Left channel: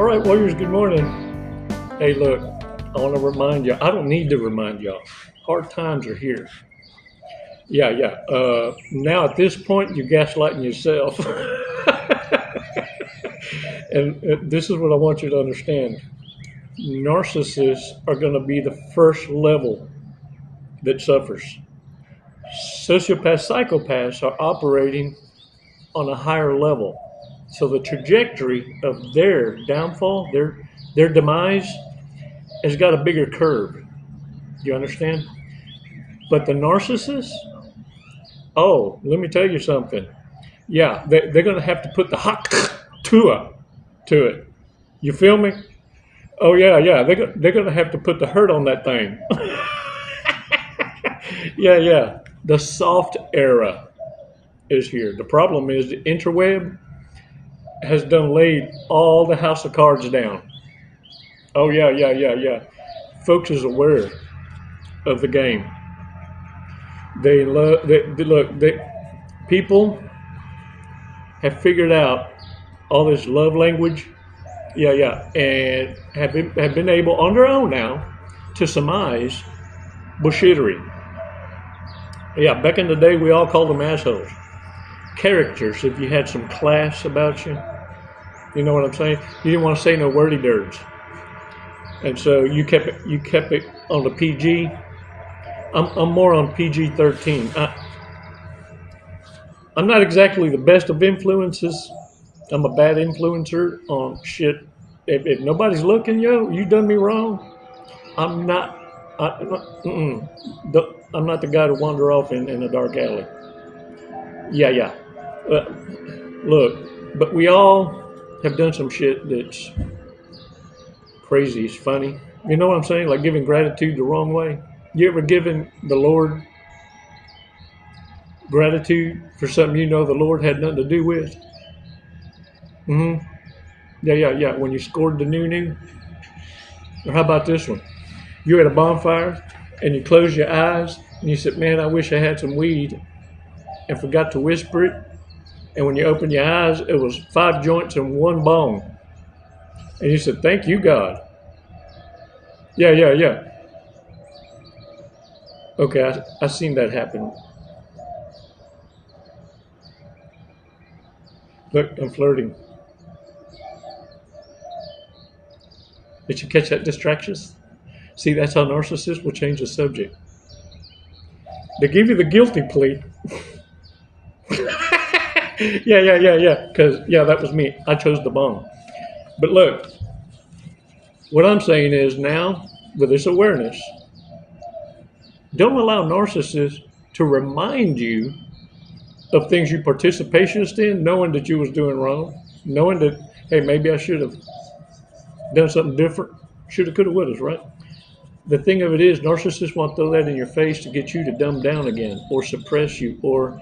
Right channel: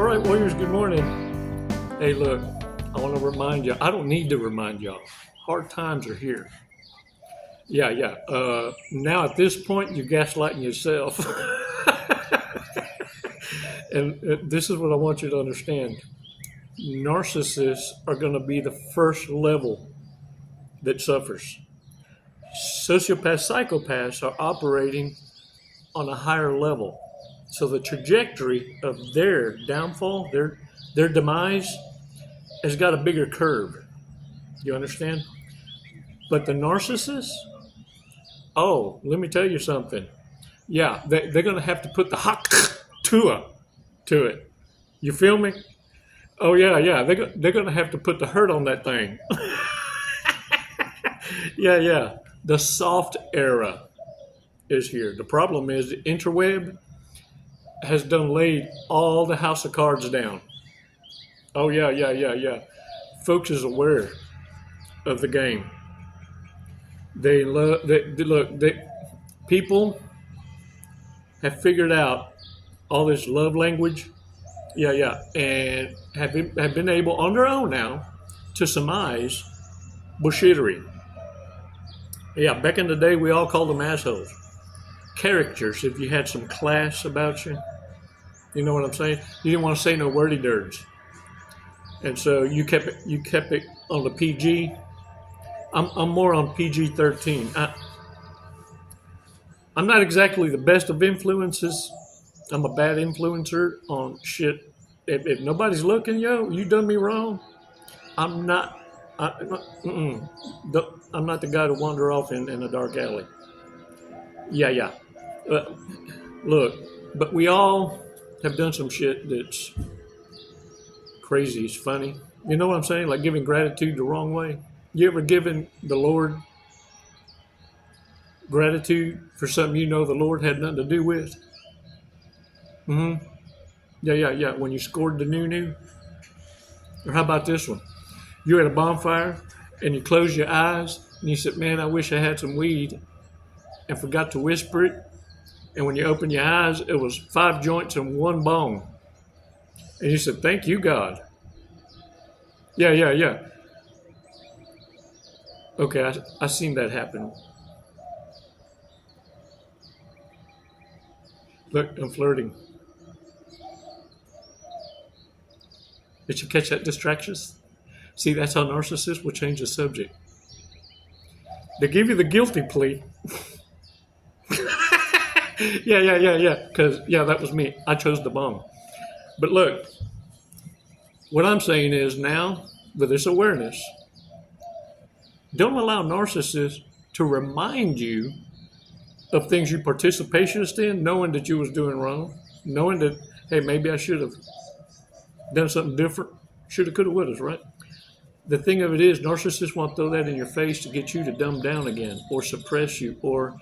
All right, Warriors, good morning. Hey, look, I want to remind you, I don't need to remind y'all, hard times are here. Yeah. Now at this point, you're gaslighting yourself. And this is what I want you to understand. Narcissists are going to be the first level that suffers. Sociopaths, psychopaths are operating on a higher level. So the trajectory of their downfall, their demise, has got a bigger curve. You understand? But the narcissists, oh, let me tell you something. Yeah, they're going to have to put the hot to it. You feel me? Oh, yeah. They're going to have to put the hurt on that thing. Yeah. The soft era is here. The problem is the interweb has done laid all the house of cards down. Oh, yeah. Folks is aware of the game. They people have figured out all this love language. Yeah. And have been able on their own now to surmise bullshittery. Yeah, back in the day, we all called them assholes. Characters, if you had some class about you. You know what I'm saying? You didn't want to say no wordy dirts. And so you kept it on the PG. I'm more on PG-13. I'm not exactly the best of influences. I'm a bad influencer on shit. If nobody's looking, you done me wrong. I'm not. I'm not the guy to wander off in a dark alley. Yeah. Look, but we all have done some shit that's crazy. It's funny. You know what I'm saying? Like giving gratitude the wrong way. You ever given the Lord gratitude for something you know the Lord had nothing to do with? Yeah. When you scored the new. Or how about this one? You're at a bonfire and you close your eyes and you said, man, I wish I had some weed, and forgot to whisper it. And when you open your eyes, it was 5 joints and 1 bong. And you said, thank you, God. Yeah. Okay, I seen that happen. Look, I'm flirting. Did you catch that distractions? See, that's how narcissists will change the subject. They give you the guilty plea. Yeah. Because, that was me. I chose the bomb. But look, what I'm saying is now, with this awareness, don't allow narcissists to remind you of things you participationist in, knowing that you was doing wrong, knowing that, hey, maybe I should have done something different. Shoulda, coulda, woulda, right? The thing of it is, narcissists want to throw that in your face to get you to dumb down again, or suppress you, or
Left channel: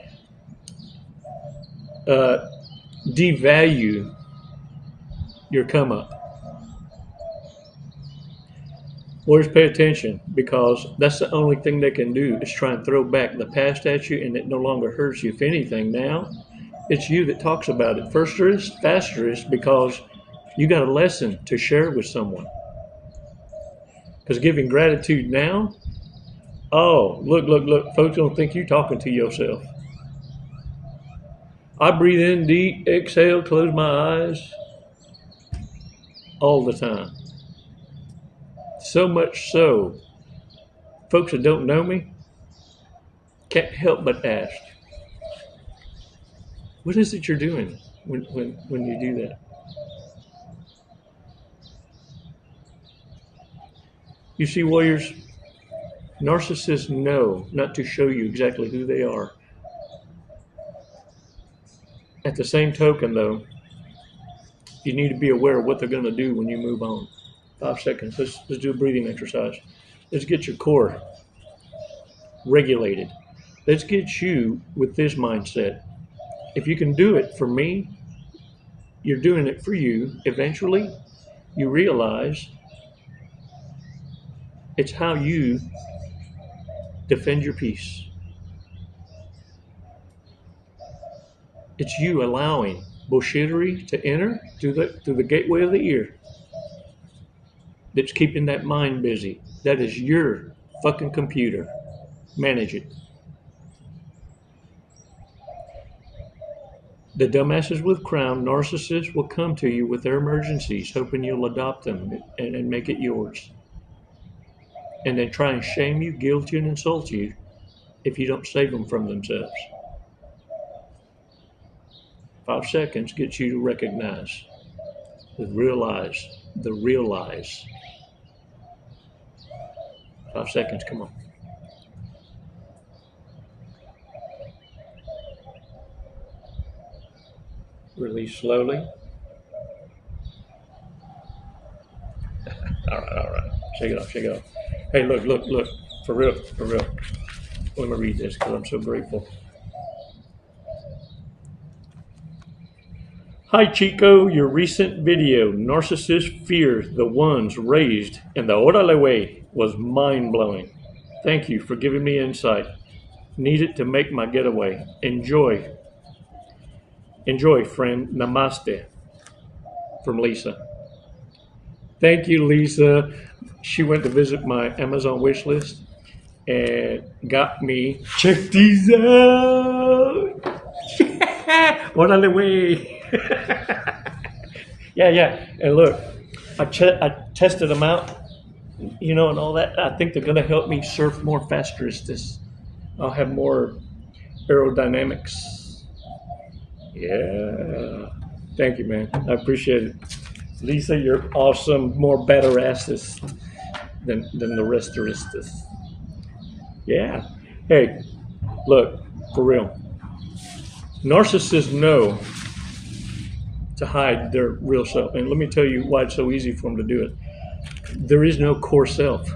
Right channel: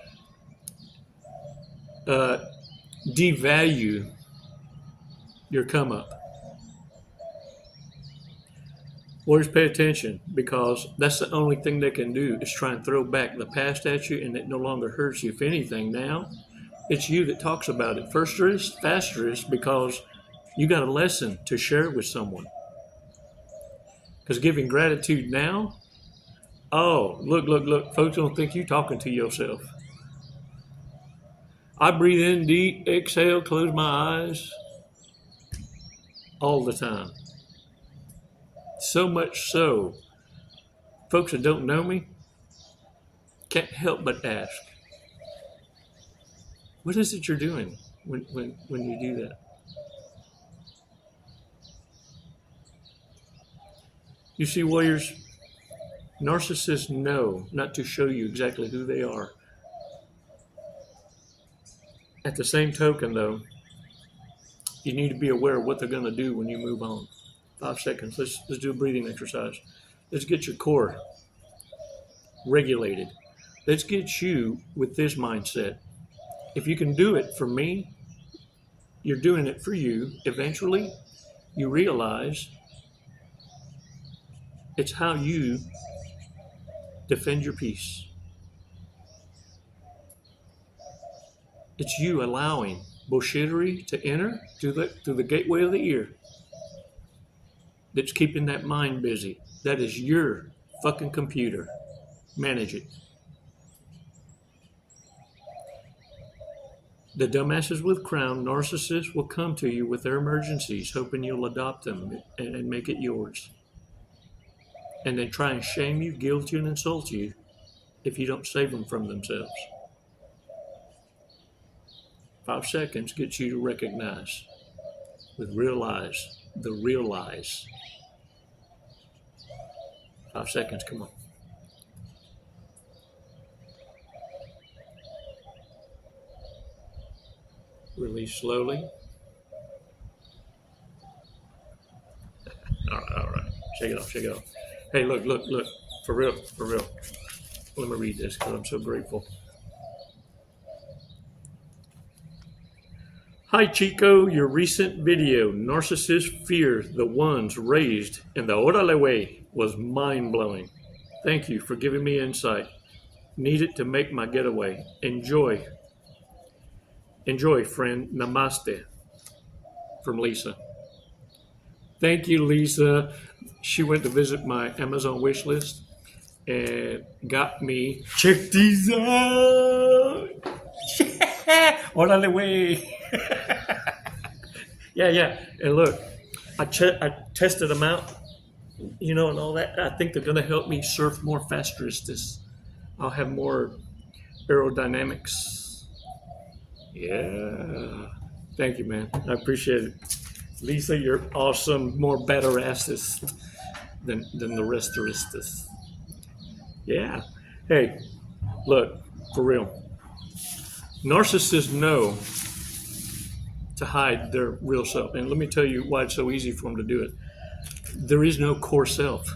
devalue your come up. Warriors, pay attention, because that's the only thing they can do is try and throw back the past at you, and it no longer hurts you. If anything, now it's you that talks about it. Firsterest, fasterest, because you got a lesson to share with someone. Because giving gratitude now, oh, look, folks don't think you're talking to yourself. I breathe in deep, exhale, close my eyes all the time. So much so, folks that don't know me can't help but ask, what is it you're doing when you do that? You see, warriors, narcissists know not to show you exactly who they are. At the same token, though, you need to be aware of what they're going to do when you move on. 5 seconds. Let's do a breathing exercise. Let's get your core regulated. Let's get you with this mindset. If you can do it for me, you're doing it for you. Eventually, you realize it's how you defend your peace. It's you allowing bullshittery to enter through the gateway of the ear that's keeping that mind busy. That is your fucking computer. Manage it. The dumbasses with crown, narcissists, will come to you with their emergencies, hoping you'll adopt them and make it yours. And then try and shame you, guilt you, and insult you if you don't save them from themselves. 5 seconds gets you to recognize the real lies. The real lies. 5 seconds, come on. Release slowly. All right. Shake it off. Hey, look. For real. Let me read this because I'm so grateful. Hi, Chico. Your recent video, Narcissist Fear the Ones Raised in the Orale Way, was mind-blowing. Thank you for giving me insight. Needed to make my getaway. Enjoy, friend. Namaste. From Lisa. Thank you, Lisa. She went to visit my Amazon wish list and got me. Check these out. Orale Way. Yeah. And look, I tested them out, and all that. I think they're going to help me surf more faster. I'll have more aerodynamics. Yeah. Thank you, man. I appreciate it. Lisa, you're awesome. More better asses than the rest of us. Yeah. Hey, look, for real. Narcissists know to hide their real self. And let me tell you why it's so easy for them to do it. There is no core self.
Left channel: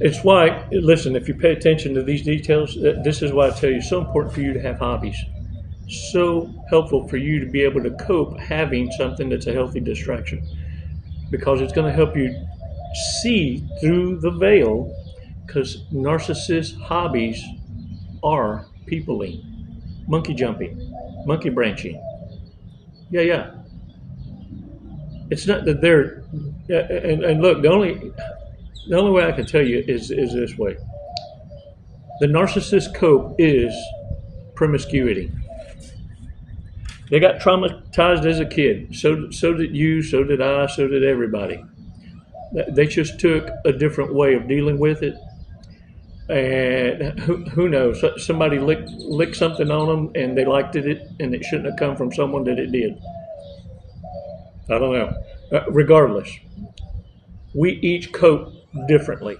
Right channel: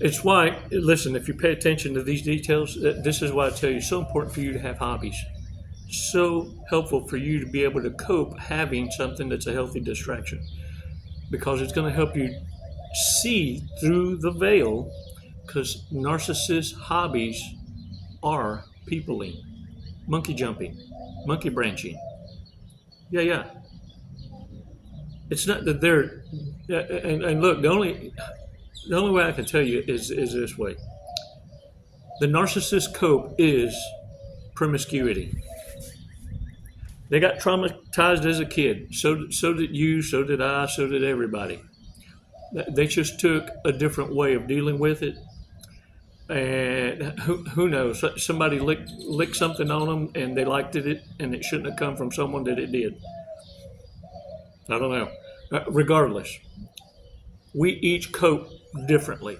It's why, listen, if you pay attention to these details, this is why I tell you it's so important for you to have hobbies. So helpful for you to be able to cope having something that's a healthy distraction, because it's going to help you see through the veil, because narcissist hobbies are peopling, monkey jumping, monkey branching. Yeah. It's not that they're, and look, the only way I can tell you is this way. The narcissist cope is promiscuity. They got traumatized as a kid. So did you, so did I, so did everybody. They just took a different way of dealing with it. And who knows? Somebody licked something on them and they liked it, and it shouldn't have come from someone that it did. I don't know. Regardless, we each cope differently.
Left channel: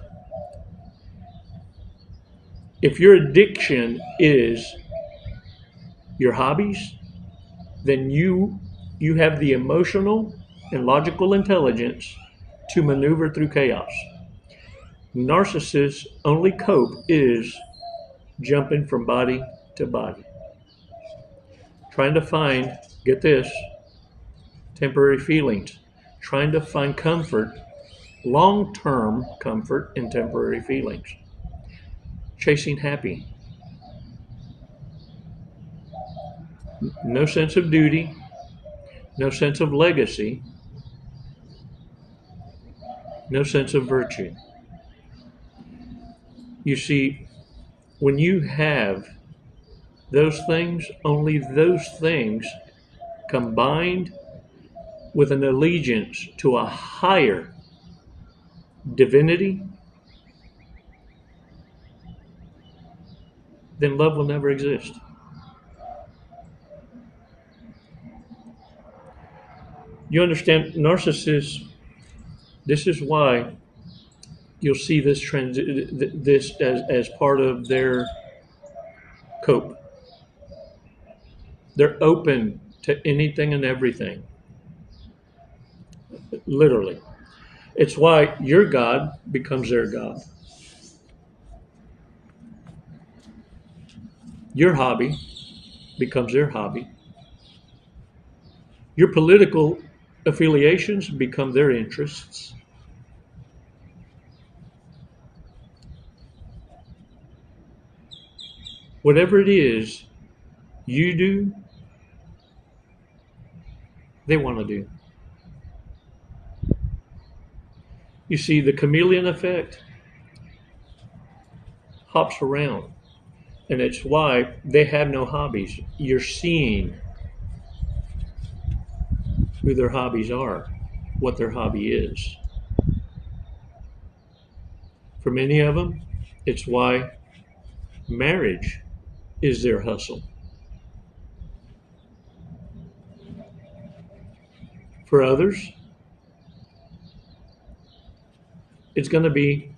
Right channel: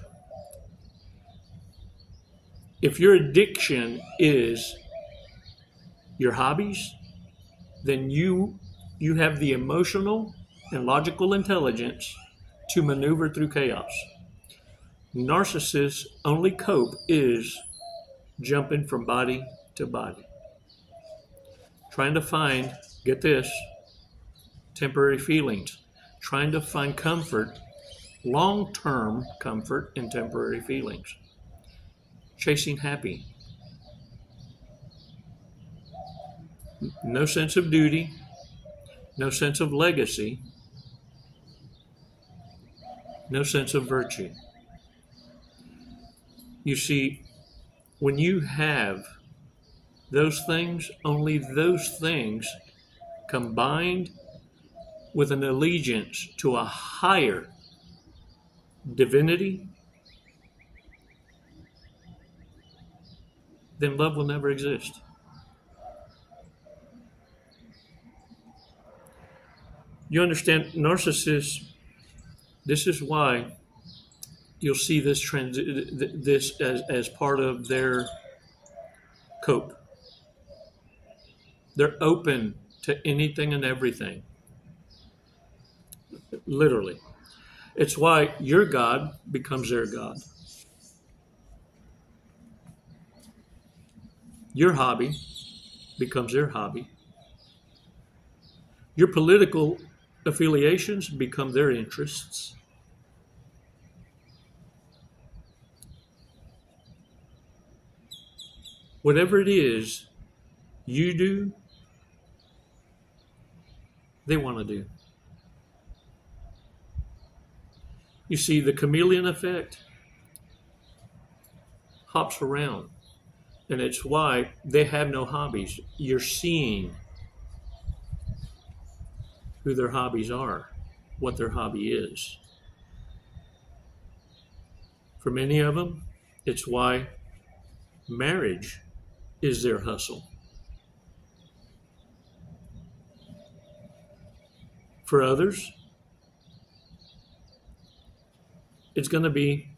If your addiction is your hobbies, then you have the emotional and logical intelligence to maneuver through chaos. Narcissists' only cope is jumping from body to body, trying to find, get this, temporary feelings, trying to find comfort, long-term comfort in temporary feelings, chasing happy. No sense of duty, no sense of legacy, no sense of virtue. You see, when you have those things, only those things combined with an allegiance to a higher divinity, then love will never exist. You understand, narcissists, this is why you'll see this as part of their cope. They're open to anything and everything. Literally. It's why your God becomes their God. Your hobby becomes their hobby. Your political affiliations become their interests. Whatever it is you do they want to do. You see, the chameleon effect hops around, and it's why they have no hobbies. You're seeing who their hobbies are, what their hobby is. For many of them, it's why marriage is their hustle. For others, it's going to be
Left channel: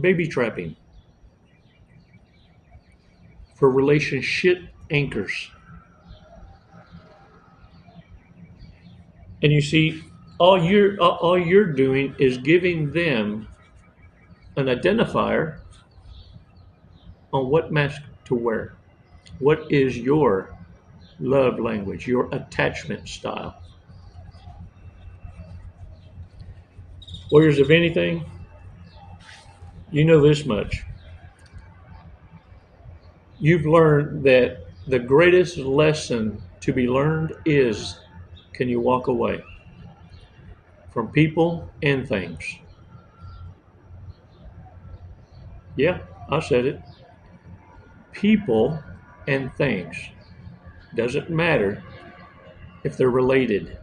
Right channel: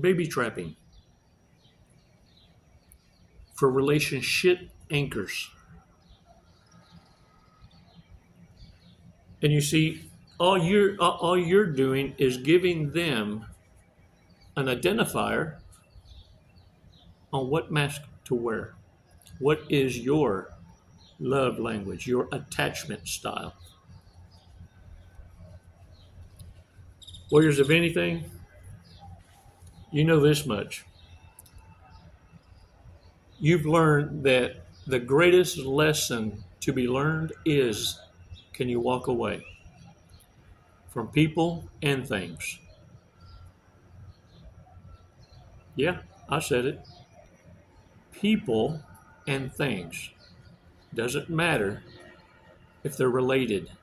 baby trapping. For relationship anchors. And you see, all you're doing is giving them an identifier on what mask to wear. What is your love language, your attachment style? Warriors of anything, you know this much. You've learned that the greatest lesson to be learned is, can you walk away from people and things? Yeah, I said it. People and things. Doesn't matter if they're related.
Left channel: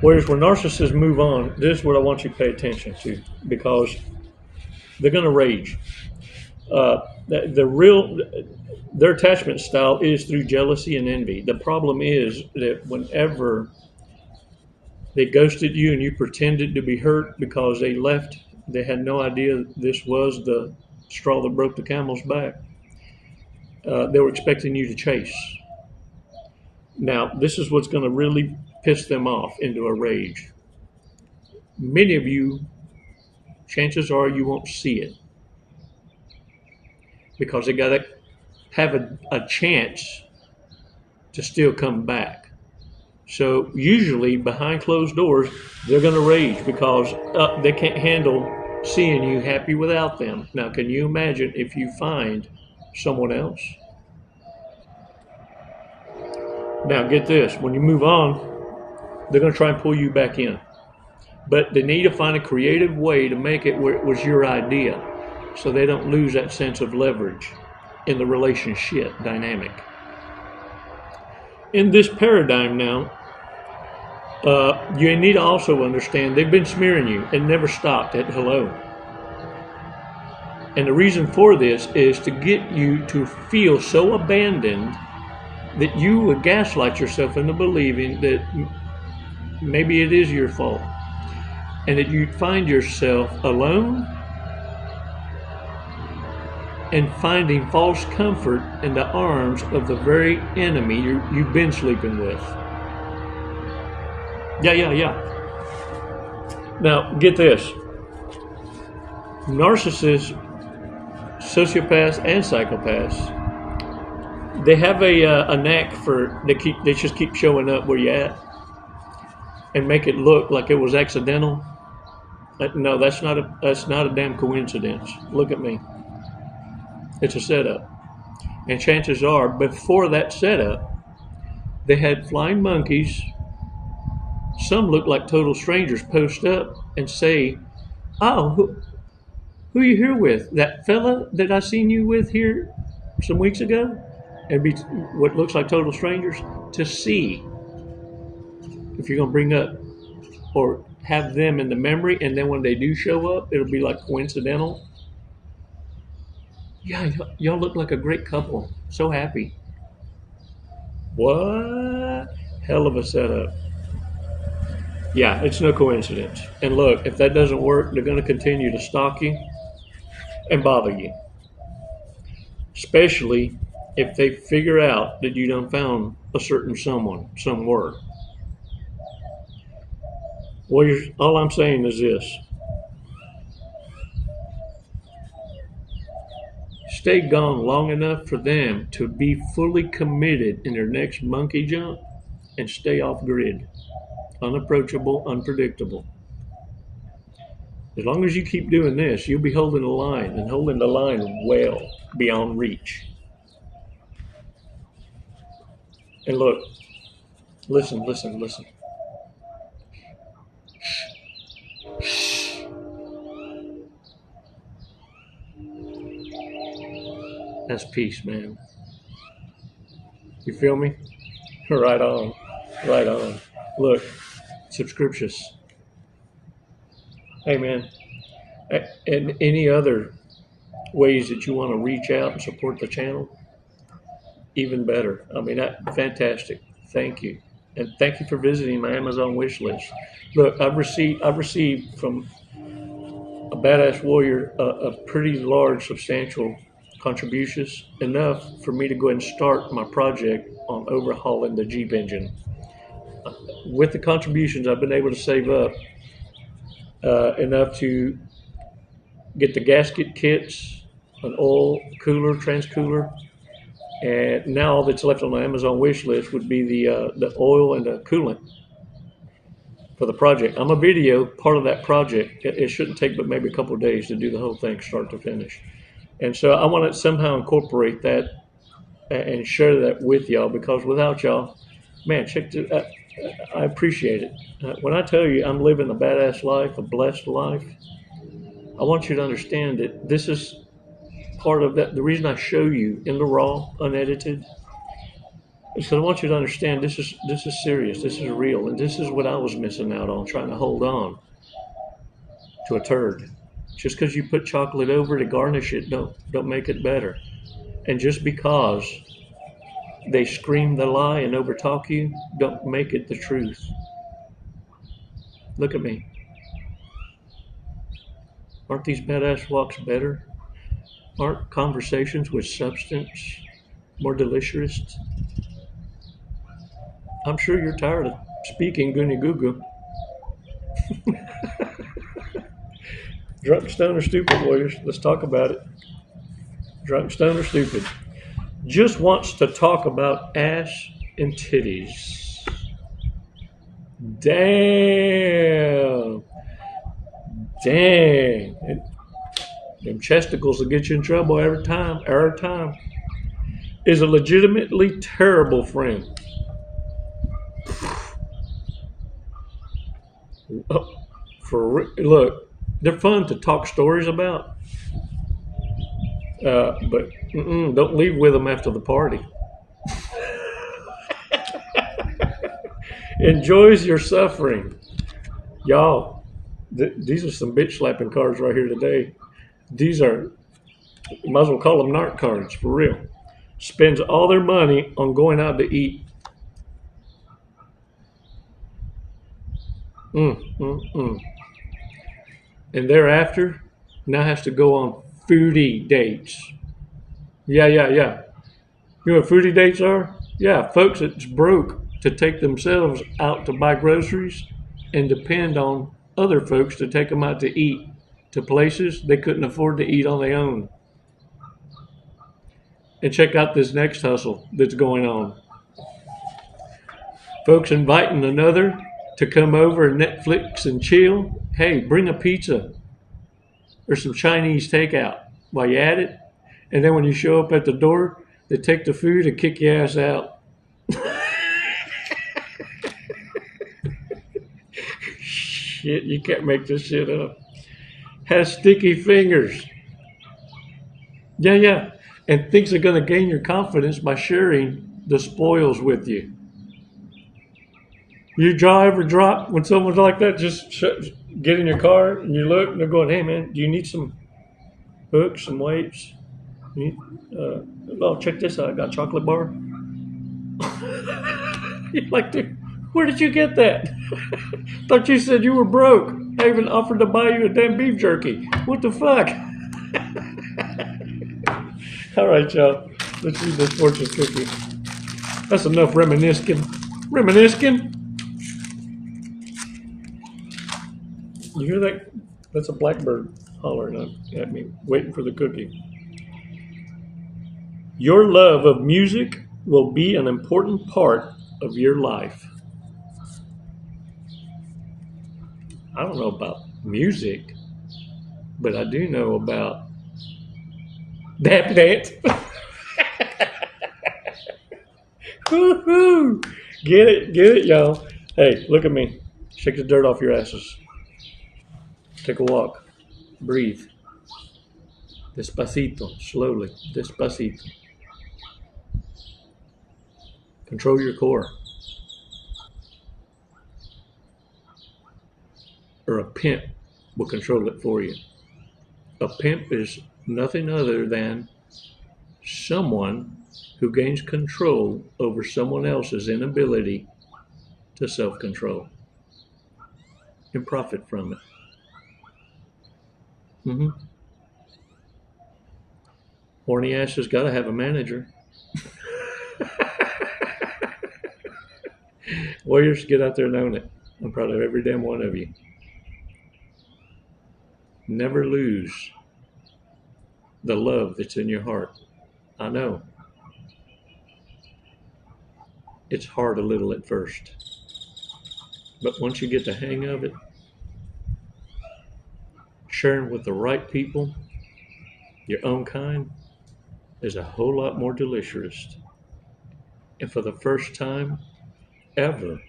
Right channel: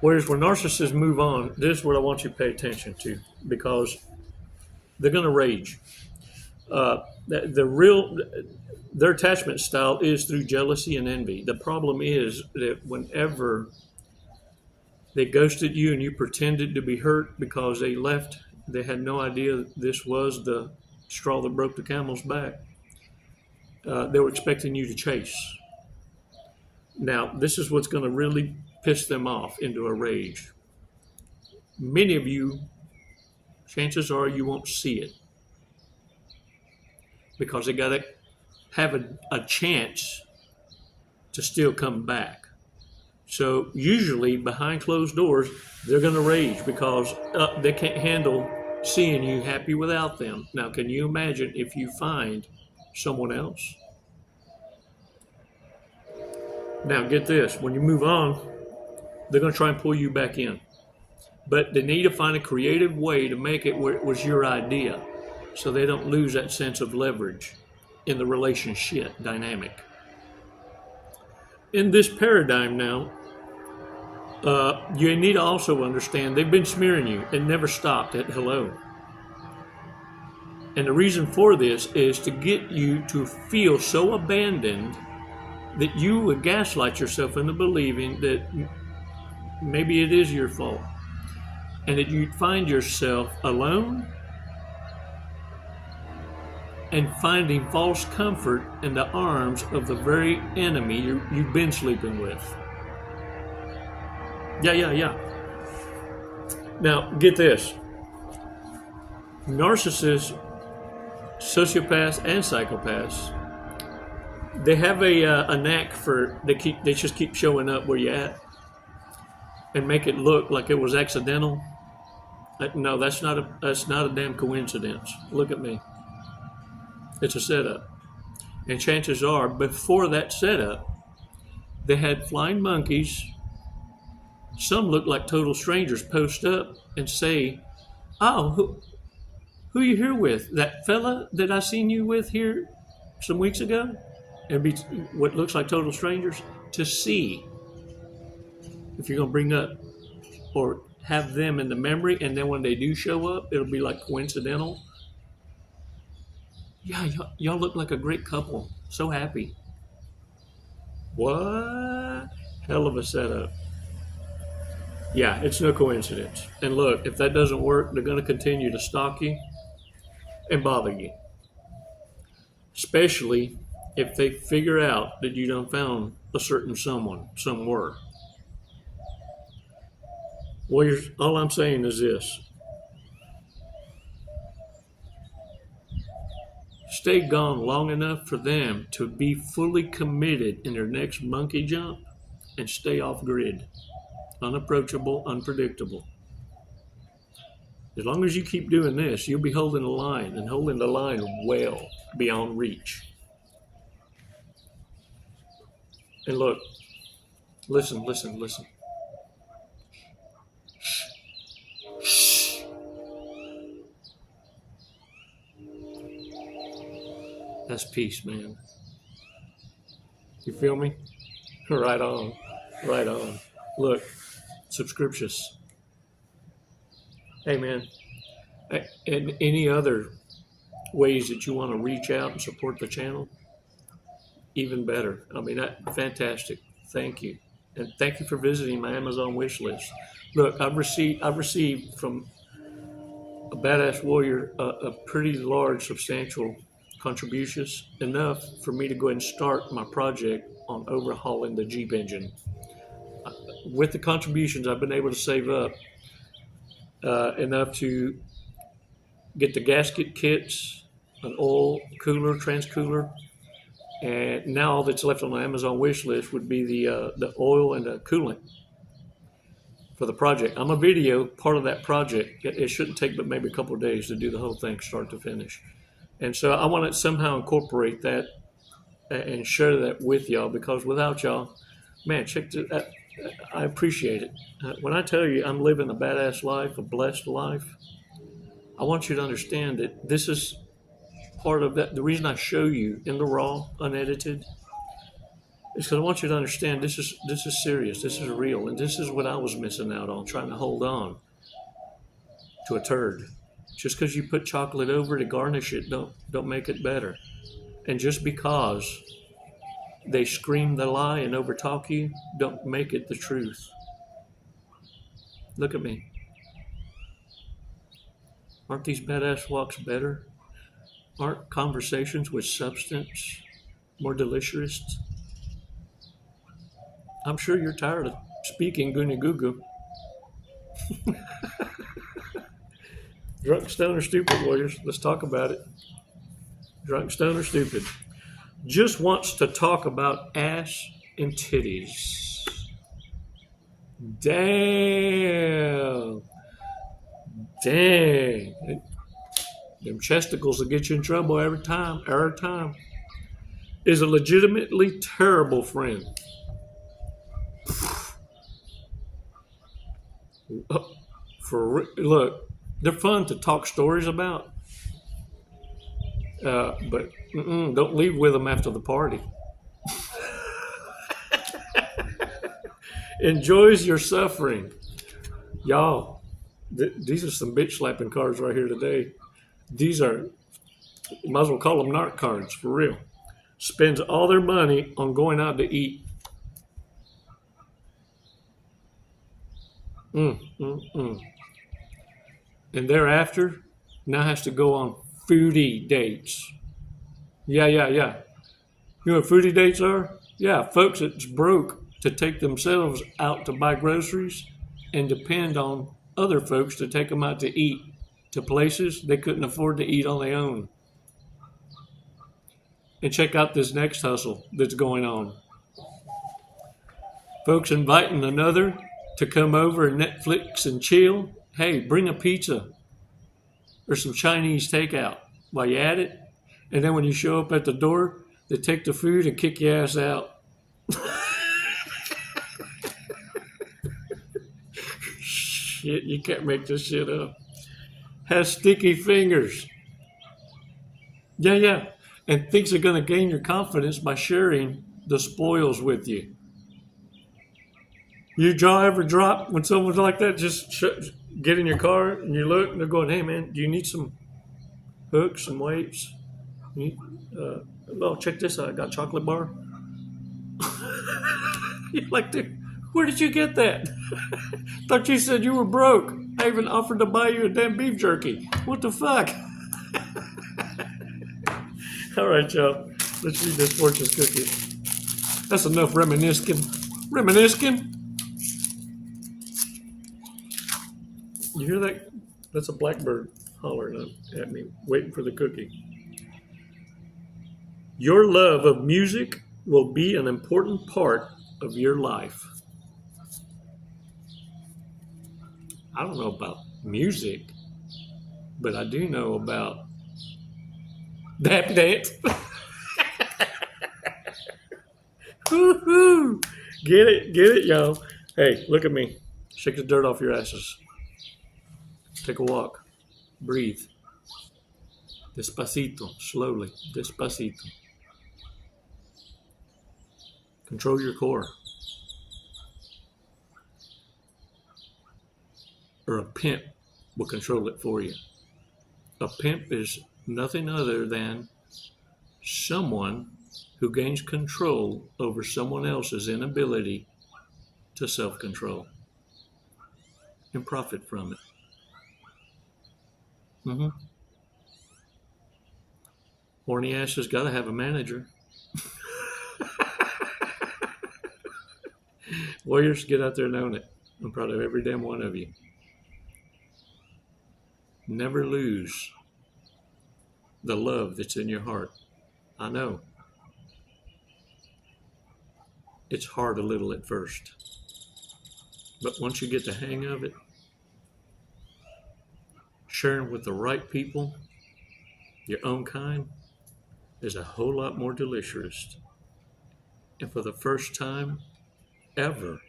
Whereas when narcissists move on, this is what I want you to pay attention to, because they're going to rage. Their attachment style is through jealousy and envy. The problem is that whenever they ghosted you and you pretended to be hurt because they left, they had no idea this was the straw that broke the camel's back. They were expecting you to chase. Now, this is what's going to really piss them off into a rage. Many of you, chances are you won't see it, because they got to have a chance to still come back. So usually behind closed doors, they're going to rage because they can't handle seeing you happy without them. Now, can you imagine if you find someone else? Now, get this. When you move on, they're going to try and pull you back in. But they need to find a creative way to make it where it was your idea, so they don't lose that sense of leverage in the relationship dynamic. In this paradigm now, you need to also understand they've been smearing you and never stopped at hello. And the reason for this is to get you to feel so abandoned that you would gaslight yourself into believing that maybe it is your fault, and that you find yourself alone and finding false comfort in the arms of the very enemy you've been sleeping with. Yeah. Now, get this. Narcissists, sociopaths, and psychopaths, they have a knack for, they just keep showing up where you're at and make it look like it was accidental. No, that's not a damn coincidence. Look at me. It's a setup. And chances are, before that setup, they had flying monkeys. Some look like total strangers post up and say, "Oh, who you here with? That fella that I seen you with here some weeks ago?" And be what looks like total strangers, to see if you're going to bring up or have them in the memory, and then when they do show up, it'll be like coincidental. Yeah, y'all look like a great couple. So happy. What? Hell of a setup. Yeah, it's no coincidence. And look, if that doesn't work, they're going to continue to stalk you and bother you. Especially if they figure out that you done found a certain someone, somewhere. Well, all I'm saying is this. Stay gone long enough for them to be fully committed in their next monkey jump, and stay off grid. Unapproachable, unpredictable. As long as you keep doing this, you'll be holding the line, and holding the line well beyond reach. And look, listen, listen, listen. That's peace, man. You feel me? Right on. Right on. Look, subscriptions. Hey, man. And any other ways that you want to reach out and support the channel, even better. I mean, fantastic. Thank you. And thank you for visiting my Amazon wish list. Look, I've received from a badass warrior a pretty large, substantial contributions, enough for me to go ahead and start my project on overhauling the Jeep engine. With the contributions, I've been able to save up enough to get the gasket kits, an oil cooler, transcooler, and now all that's left on the Amazon wish list would be the oil and the coolant for the project. I'm a video part of that project. It shouldn't take but maybe a couple of days to do the whole thing start to finish. And so I want to somehow incorporate that and share that with y'all, because without y'all, man, I appreciate it. When I tell you I'm living a badass life, a blessed life, I want you to understand that this is part of that. The reason I show you in the raw, unedited, is because I want you to understand this is serious, this is real, and this is what I was missing out on, trying to hold on to a turd. Just because you put chocolate over to garnish it, don't make it better. And just because they scream the lie and overtalk you, don't make it the truth. Look at me. Aren't these badass walks better? Aren't conversations with substance more delicious? I'm sure you're tired of speaking goony goo goo. Drunk, stoned, or stupid, warriors. Let's talk about it. Drunk, stoned, or stupid. Just wants to talk about ass and titties. Damn. Dang. Them chesticles will get you in trouble every time. Every time. Is a legitimately terrible friend. Look, they're fun to talk stories about, but don't leave with them after the party. Enjoys your suffering. Y'all, these are some bitch slapping cards right here today. These are, you might as well call them narc cards, for real. Spends all their money on going out to eat. And thereafter, now has to go on foodie dates. Yeah. You know what foodie dates are? Yeah, folks that's broke to take themselves out to buy groceries and depend on other folks to take them out to eat to places they couldn't afford to eat on their own. And check out this next hustle that's going on. Folks inviting another to come over and Netflix and chill. Hey, bring a pizza or some Chinese takeout while you're at it. And then when you show up at the door, they take the food and kick your ass out. Shit, you can't make this shit up. Has sticky fingers. Yeah. And thinks they're going to gain your confidence by sharing the spoils with you. Your jaw ever drop when someone's like that? Just get in your car and you look and they're going, hey man, do you need some hooks, some weights? Oh, check this out. I got a chocolate bar. You're like, dude, where did you get that? Thought you said you were broke. I even offered to buy you a damn beef jerky. What the fuck? All right, y'all. Let's read this fortune cookie. That's enough reminiscing. You hear that? That's a blackbird hollering at me, waiting for the cookie. Your love of music will be an important part of your life. I don't know about music, but I do know about that. Woo-hoo. Get it, y'all. Hey, look at me. Shake the dirt off your asses. Take a walk. Breathe. Despacito, slowly, despacito. Control your core. Or a pimp will control it for you. A pimp is nothing other than someone who gains control over someone else's inability to self-control and profit from it. Horny ass has got to have a manager. Warriors, get out there and own it. I'm proud of every damn one of you. Never lose the love that's in your heart. I know. It's hard a little at first. But once you get the hang of it, sharing with the right people, your own kind, is a whole lot more delicious. And for the first time ever,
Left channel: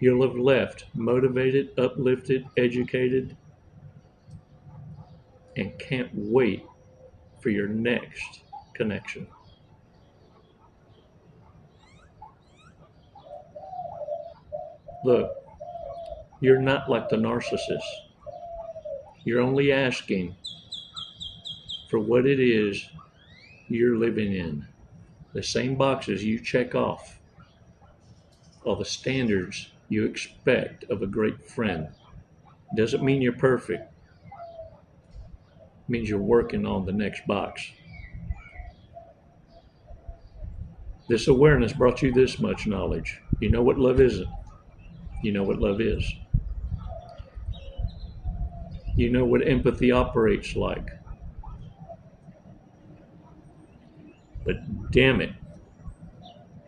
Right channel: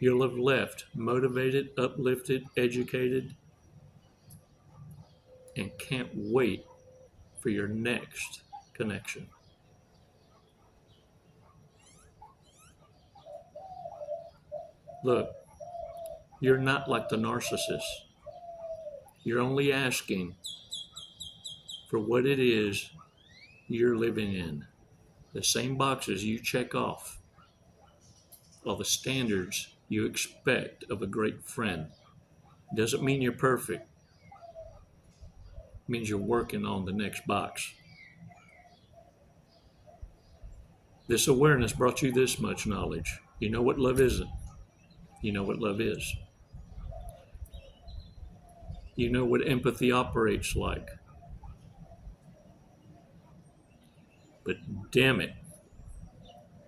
you'll have left motivated, uplifted, educated, and can't wait for your next connection. Look, you're not like the narcissist. You're only asking for what it is you're living in. The same boxes you check off are the standards you expect of a great friend. Doesn't mean you're perfect. It means you're working on the next box. This awareness brought you this much knowledge. You know what love isn't. You know what love is. You know what empathy operates like. But damn it,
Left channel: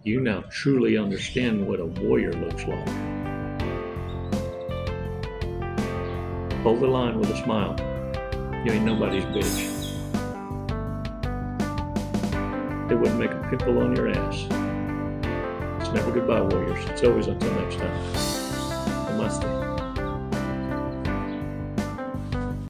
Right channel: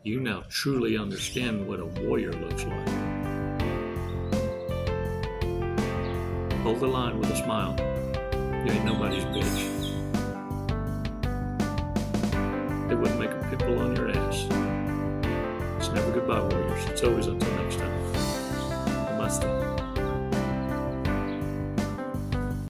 you now truly understand what a warrior looks like. Hold the line with a smile. You ain't nobody's bitch. It wouldn't make a pimple on your ass. It's never goodbye, warriors. It's always a